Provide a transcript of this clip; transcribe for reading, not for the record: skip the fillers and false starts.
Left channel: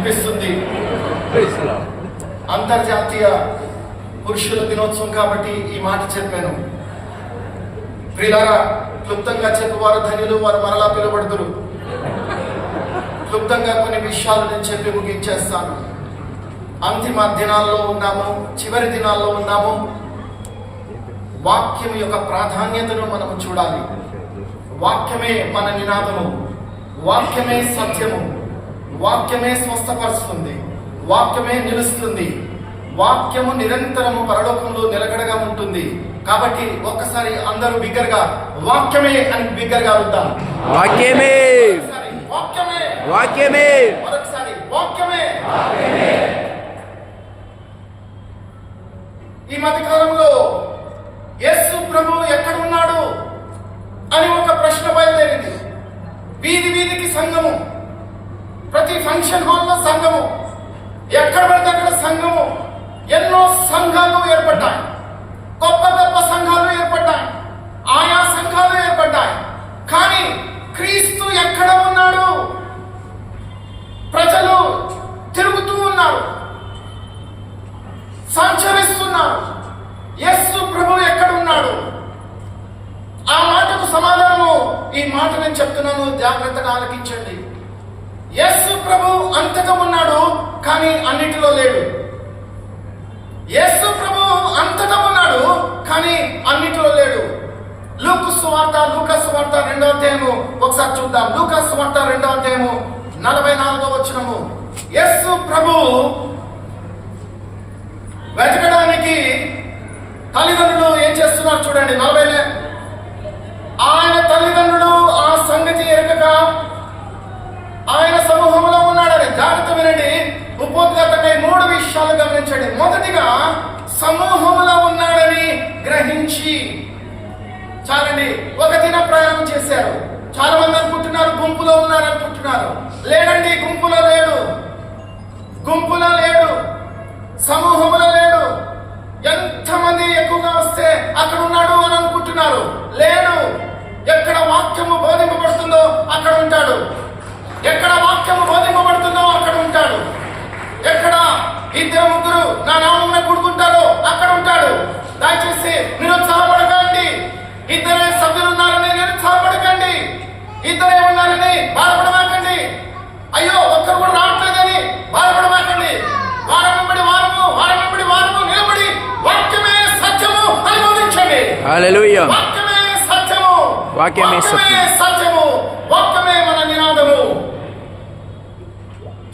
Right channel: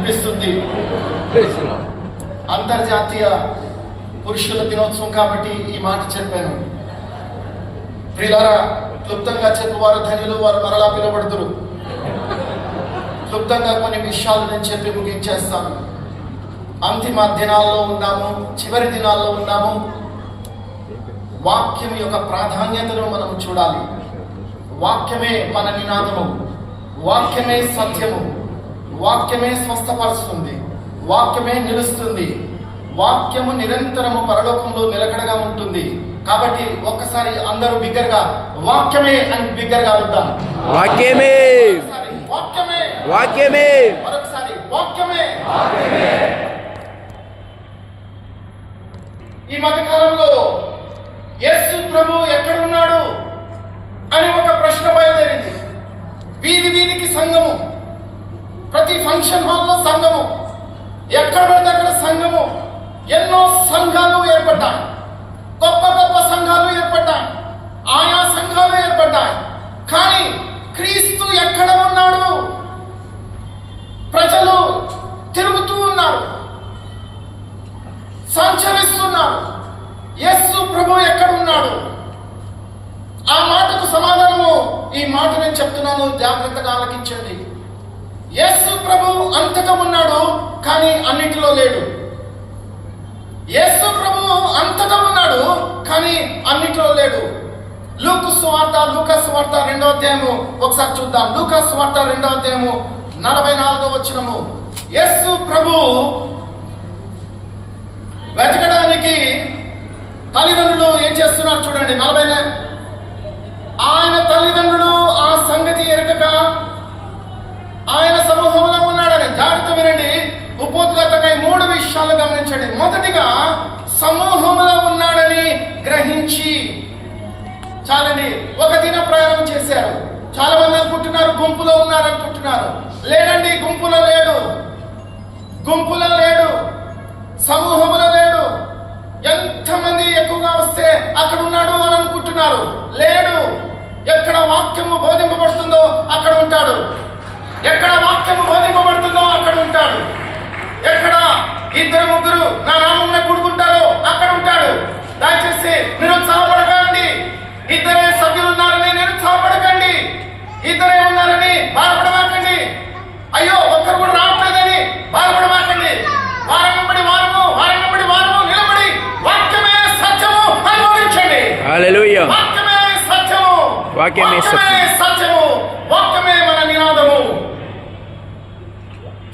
అనిపిస్తుంది. అంతర్జాతీయ పురుషుల దినోత్సవం కాబట్టి ఈ మాట చెప్పాను. ప్రియులారా, క్లుప్తంగా చెప్పువారు ధన్యులు, వారు మరలా పిలువబడుదురు. క్లుప్తంగా కొన్ని విషయాలు నేను చెప్పి ముగించేస్తాను. అంతిమ దినాల్లో ఉన్నాము, చివరి దినాల్లో ఉన్నాము. వాక్యం యొక్క ప్రాధాన్యతను మనం చూడాలి. వాక్యమే మన నినాదము, వాక్యమే సత్యము, వాక్యమే స్వస్థపరుస్తుంది, వాక్యమే నిలుస్తుంది, వాక్యము నిరంతరము పరలోకంలో నిలకడగా ఉంటుంది. కాబట్టి ఒక్కసారి అందరూ బిగ్గరగా వాక్యమే అని బిగ్గరగా అడుగుతాం. వాక్యమే, వాక్యమే, వాక్యమే, మరొకసారి వాక్యమే. ఈ మధ్య కాలంలో యేసు ప్రభు ఎక్కడున్నాడు అని ఒక ప్రశ్న బయలుదేరింది. వీధి వీధికి సంఘము, ప్రతి ఫంక్షన్ హాల్లో సంఘము, ఎక్కడ పడితే అక్కడ సంఘము. ఎన్నో సంఘాలు ఏర్పడ్డాయి, గొప్ప గొప్ప సంఘాలు ఏర్పడ్డాయి, ఆయా సంఘాలు ఏర్పడ్డాయి. కానీ క్రీస్తు ఎక్కడ ఉన్నాడు? ప్రజలు తిరుగుతూ ఉన్నారు, సంచరిస్తున్నారు. యేసు ప్రభు ఎక్కడున్నాడు? ఆ మాటకు సమాధానము ఈ మాట నేను చెప్తున్నాను, జాగ్రత్తగా ఆలకించండి. యేసు ప్రభు అంతటా ఉన్నాడు, కానీ అన్నిటిలో లేడు. యేసు ప్రభు అంతటా ఉన్నాడు, కానీ అన్నిటిలో లేడు. లూకా సువార్త 2వ అధ్యాయము ఒకసారి చూద్దాం. లూకా సువార్త 2వ అధ్యాయము 44వ వచనము. యేసు ప్రభు వెతకడానికి తల్లిదండ్రులు ఏం చేస్తున్నారు చూడండి. 40 ఆయన తల్లిదండ్రులు ఆ సంగతి ఎరగక ఆయన సమూహంలో ఉన్నాడని. జాగ్రత్త వినండి, ఉపోద్ఘాతకై 3 విషయాలు గమనించండి. మొదటిగా, సమూహంలో ఉన్నాడని గ్రహించి. చాలండి, ఒక దిన ప్రయాణం చేశారు. చాలా మంది అనుకుంటున్నారు గుంపులో ఉన్నారు అనుకుంటున్నారు. లేడండి, గుంపులో లేడు, గుంపులో లేడు, సమూహంలో లేడు. ఎంతమంది ఎక్కువగా వస్తే అక్కడ ఉన్నాడు అని అనుకుంటున్నారు. లేడు. ఎక్కడ వాక్యము బోధింపబడుతుందో అక్కడ ఉంటాడు. ఎక్కడ వాక్యము బోధింపబడుతుందో అక్కడ ఉంటాడు. ఎక్కడ 2-3 నా నామమున కూడుకుంటారో అక్కడ ఉంటాడు. దయచేసి నిరుత్సాహపడకండి. 2 సభ్యులు ఉన్నారని నిరుత్సాహపడకండి. 2 ఉన్నారని బాధపడమాకండి. అయ్యో ఒక్కరు కూడా రావట్లేదని బాధపడమాకండి. వారం వెంబడి వారము, వారం వెంబడి వారము నిలబడి వాక్యమే సత్యము అనుభవించండి. హల్లెలూయా. వాక్యమే సత్యము, వాక్యమే సత్యము, సత్యము, వాక్యమే మన నినాదం.